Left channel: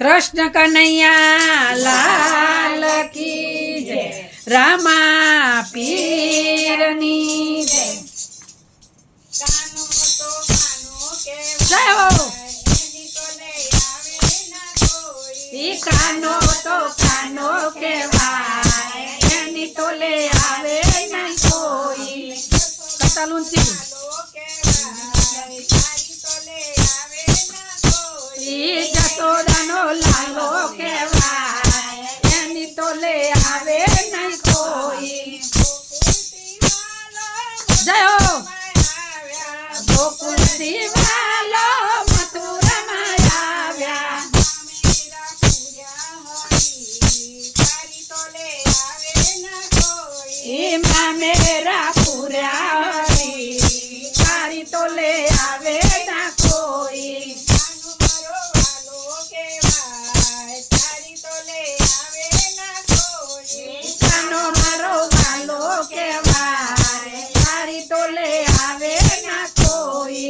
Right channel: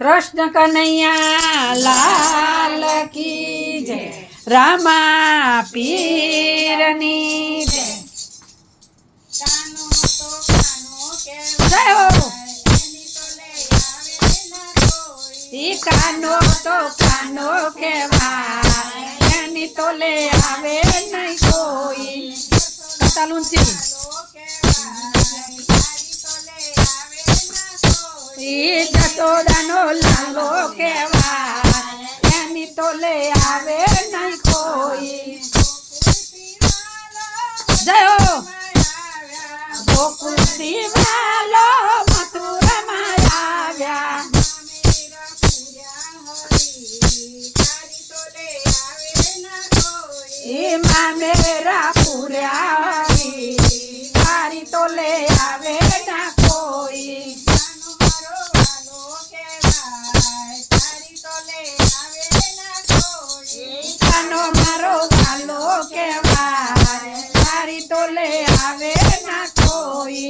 कृष्ण कन्हैया लाल की जय, रामा पीरनी जय। जय हो। कानो तो कानो केवाय, एनी तो ले आवे नहीं कोई। कतालुंची जसोदानो लालो केवाय, एनी तो ले आवे नहीं कोई। जय हो। गोकुल वालो मथुरा में आव्या, मेरा पूरा तारी तो ले आवे ना कोई। कानो मारो वालो के भाई, तारी तो ले आवे ना कोई।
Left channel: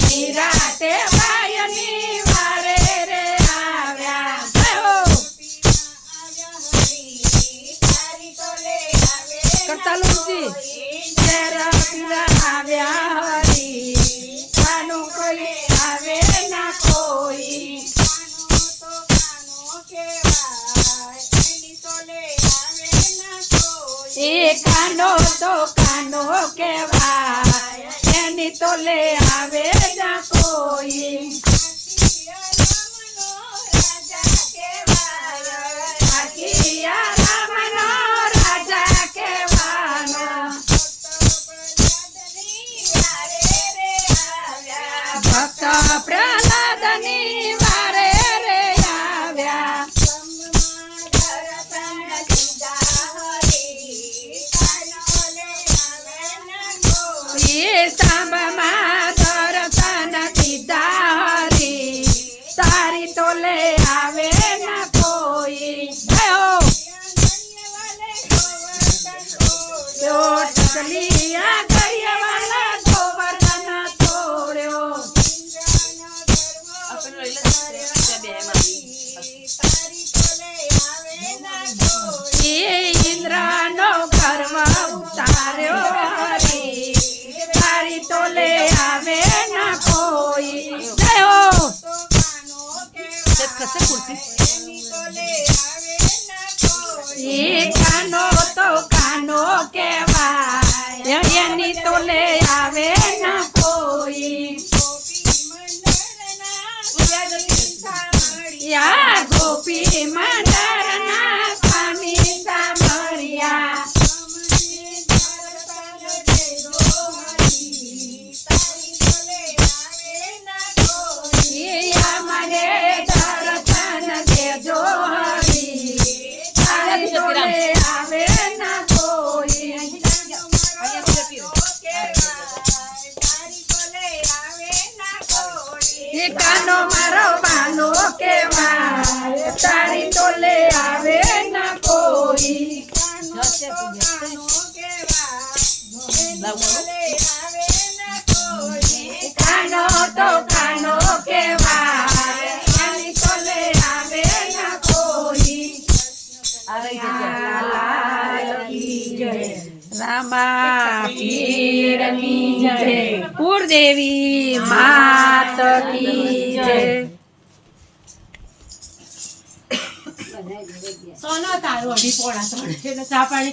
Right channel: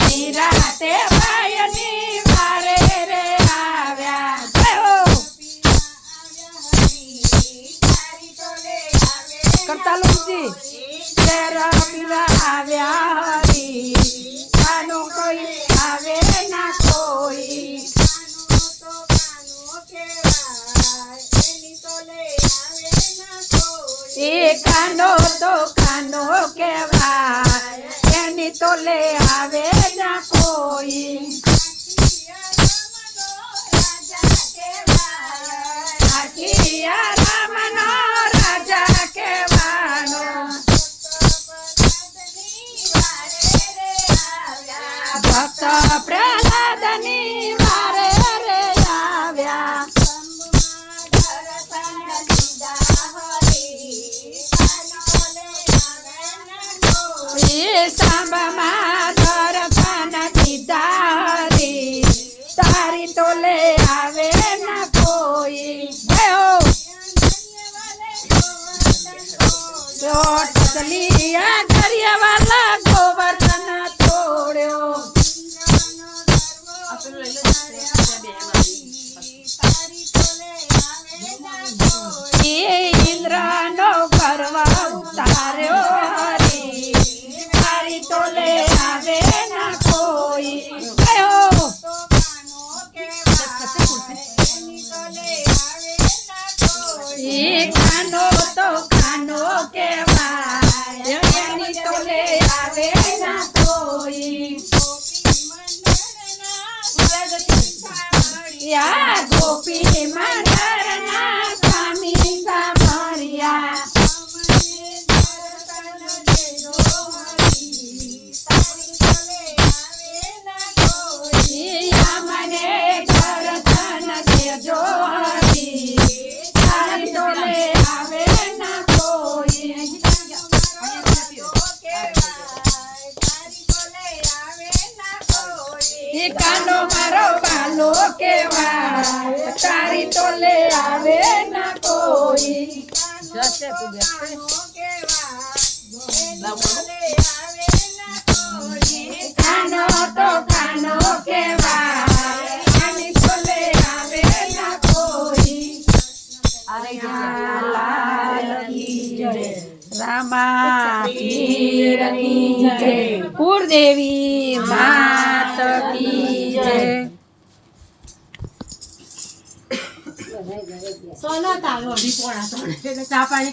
निराते वायनी वारे रे आव्या। करतालुंची तेरा पीरा आव्या हरी, कानो कोई आवे ना कोई। कानो तो कानो के भाई, एनी तो ले आवे ना कोई। भक्त प्रहलादनी वारे रे आव्या, सांब दर्शन दीदा हरी, तारी तो ले आवे ना कोई। टसलिया दरिया वाला गोवर्धन तोड़ो, इंद्र नो करवा उतार्यो हरी, तारी तो ले आवे ना कोई। जय हो। कानो तो कानो के भाई, एनी तो ले आवे ना कोई। या गोपी मंदरना स्वामी सामरिया, मने दर्शन दे जो हरी, तारी तो ले आवे ना कोई। कानो मारो वालो के भाई, तारी तो ले आवे ना कोई। कानो तो कानो के भाई, एनी तो ले आवे ना कोई। लाल की जय, रामा पीर की जय, कुलदेवी मात की जय। सोना तारो अभी पोड़ा चा पानी